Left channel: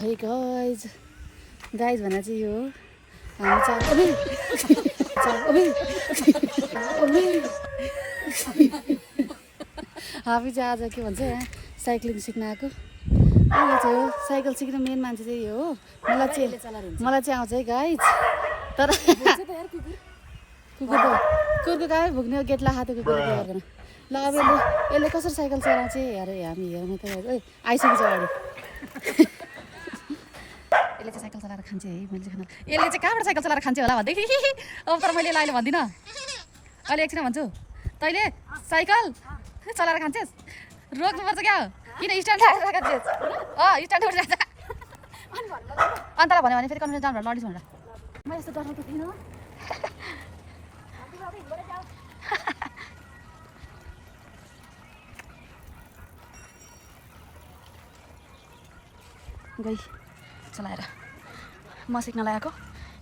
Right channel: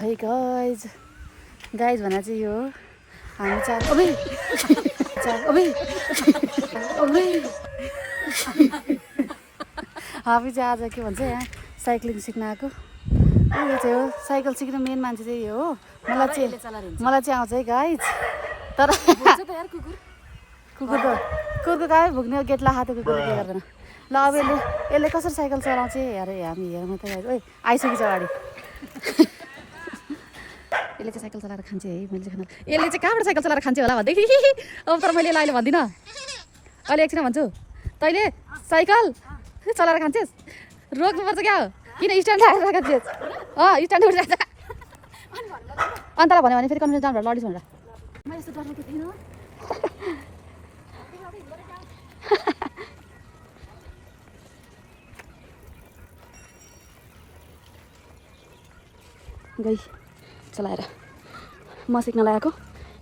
है गाइज भन्दा चाहिँ यो हामी चाहिँ हामी चाहिँ आज के भन्छ यहाँ साइक्लिङ सिक्न आएको। यो चाहिँ हो साइकल सिक्ने मेन मान्छे चाहिँ यो हो। मलाई चाहिँ आउँछ है गाइज, तर कुकुरको गाई भुक्ने गेटलाई हाते कुकुर गर्दैन। ल अब यसले कसरी साइकल चलाउँछ अरे हामी हेर्नु त ओइ आइसकेको छ अगाडि। यसले चाहिँ साइकल चलाएर खान्छ है। मैले चाहिँ यसले चाहिँ कहाँबाट साइकल चलाएर खान्छ होला भन्दै अब तर मैले अहिले भन्दिनँ। अहिले एकछिन भन्छु, तैँले साइकल चलाएर खान्छस् रोक्नुपर्छ क्या हो, किन स्ट्यान्ड राखेर खान्छस्? स्ट्यान्ड उठिरहेको छ। अन्तलाई भन्यो भने फेरि कन्फिडेन्स डाउन भएर लडिस् भनेर म यस्तो डराएको थिइनँ। गई चलाएर म सिक्न लागेको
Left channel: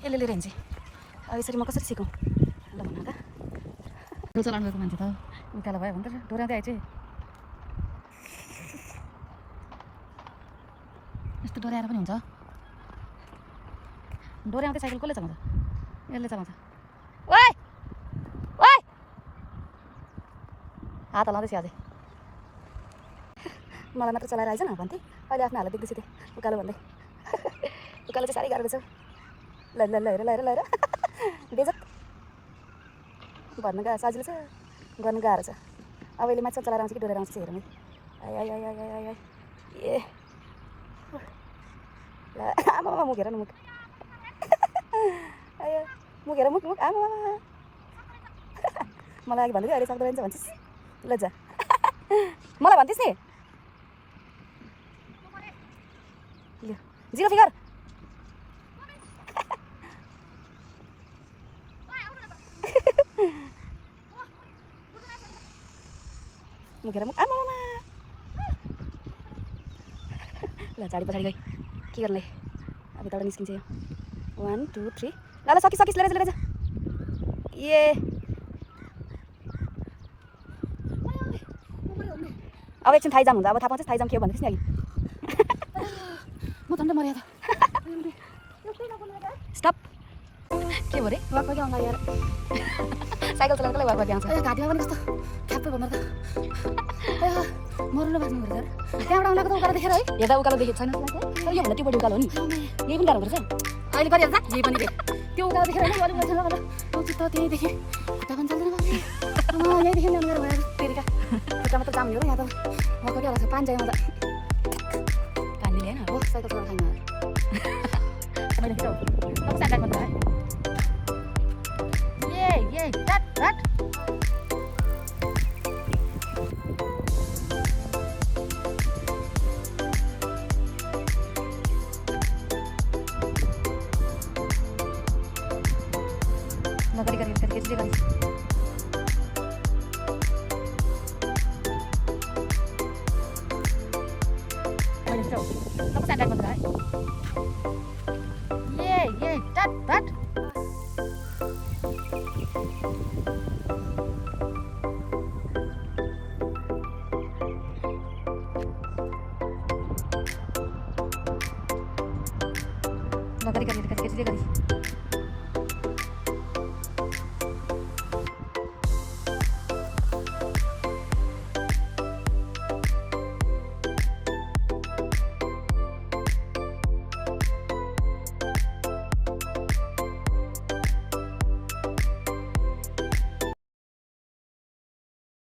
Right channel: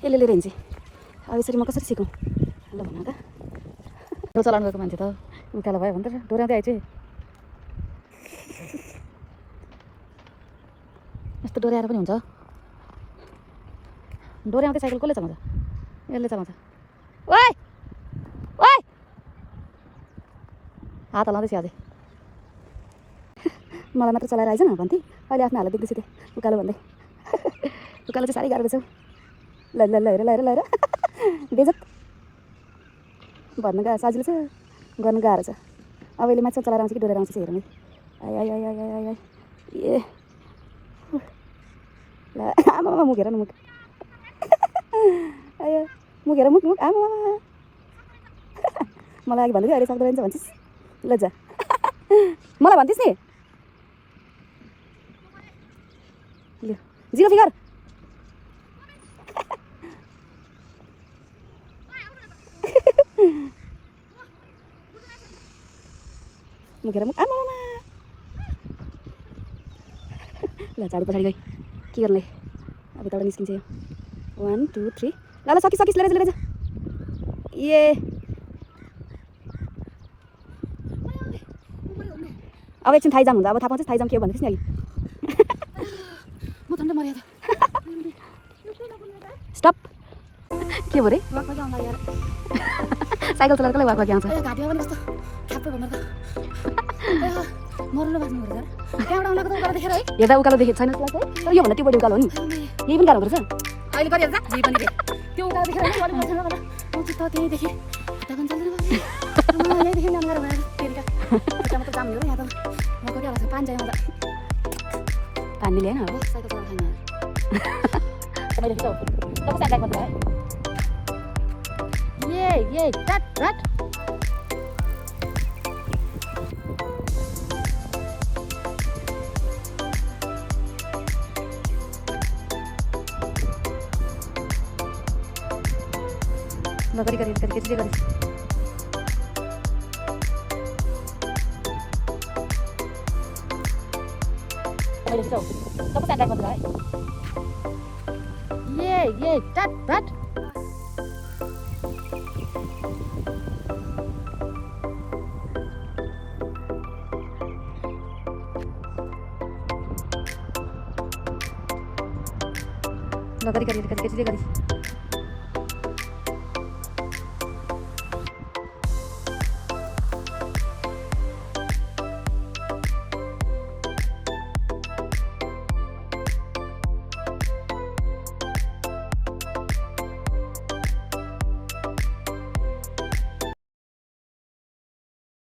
यसले लिएर हिँड्छ। अब यसरी म कसरी सिकौँ ल भन त। डो चलाउनु गएको मान्छे त उकालो भयो भनेर डोर्याउँदै आइज। यस्तो डोर्याएर पनि हुन्छ? डोर्याउँदै साइकल कसले चलाउँछ? यसले चलाउँछ। ओइ ओइ हात हलाउँदैछ अझै। मलाई मात्र चलाएर आइज न भन्थे, अहिले आफ्नो हालत देख्दैछु त्यो उकालो भन्दै। उकालो चाहिँ साह्रै गाह्रो रहेछ। ल ल ल हेर ल हेर ल हेर बेजत भन्नु गाह्रो सजिलो छ, गर्नु गाह्रो छ। अब यसले माथि चलाएर आउँछ कि डोरेर आउँछ हेर्नु। आइ आइ आइ आइ आइ आइ ए आमा मुख हेर न मुख। आयो मुख हेर मुख मुख आमा। मलाई अघि भन्दै अहिले सक्दो रहेछ भन्छस्। ल जा मलाई भन्थिस् नि ल जिरो फिगर। मुखेर मुख आमा ल झाडी पछाडि गई के गर्ने अब यताबाट निस्किन्छ यो। 1 2 3 ल ल सकिस लिएर जा ए अब एकछिन थाइजाम हुन्छ। अब थाहा पाउँछ थाइजाम के हो भन्दैछ नि अघि। म झन्डै मर्या त। स्टप के भयो रे वाक आउँछ यार। साइकल चलाएर कसले वाक आउँछ? ए घाँटीमा पनि यस्तो ठ्याप्पै भन्दा त मर्नु बाँच्नु पर्छ। त्यहाँबाट आउनको त उकालो देखेर है हेर्दा उकालो देखेको छैन त्यसलाई चाहिँ। यो भन्दा त्यो बढी उकालो हो नि, यही पनि गाह्रो रहेछ। अहिले गरिहाल्छ जे पनि त्यो उकालो देखेर होइन अलिक बस्छ होला म चित्त त्यहीँदेखि खुट्टा पनि चल्दैन बाबु। यहीँदेखि ल्याउनु गाह्रो भयो तेरिका खुट्टामा त जाम हो र यहाँ त मको क्या लाग्छ पानी चाहियो म त पानी ल्याएन अब साइकल चलाएर खानु। ल गरी गरी गरी गरी गरी ल गरी गरी गरी गरी गरी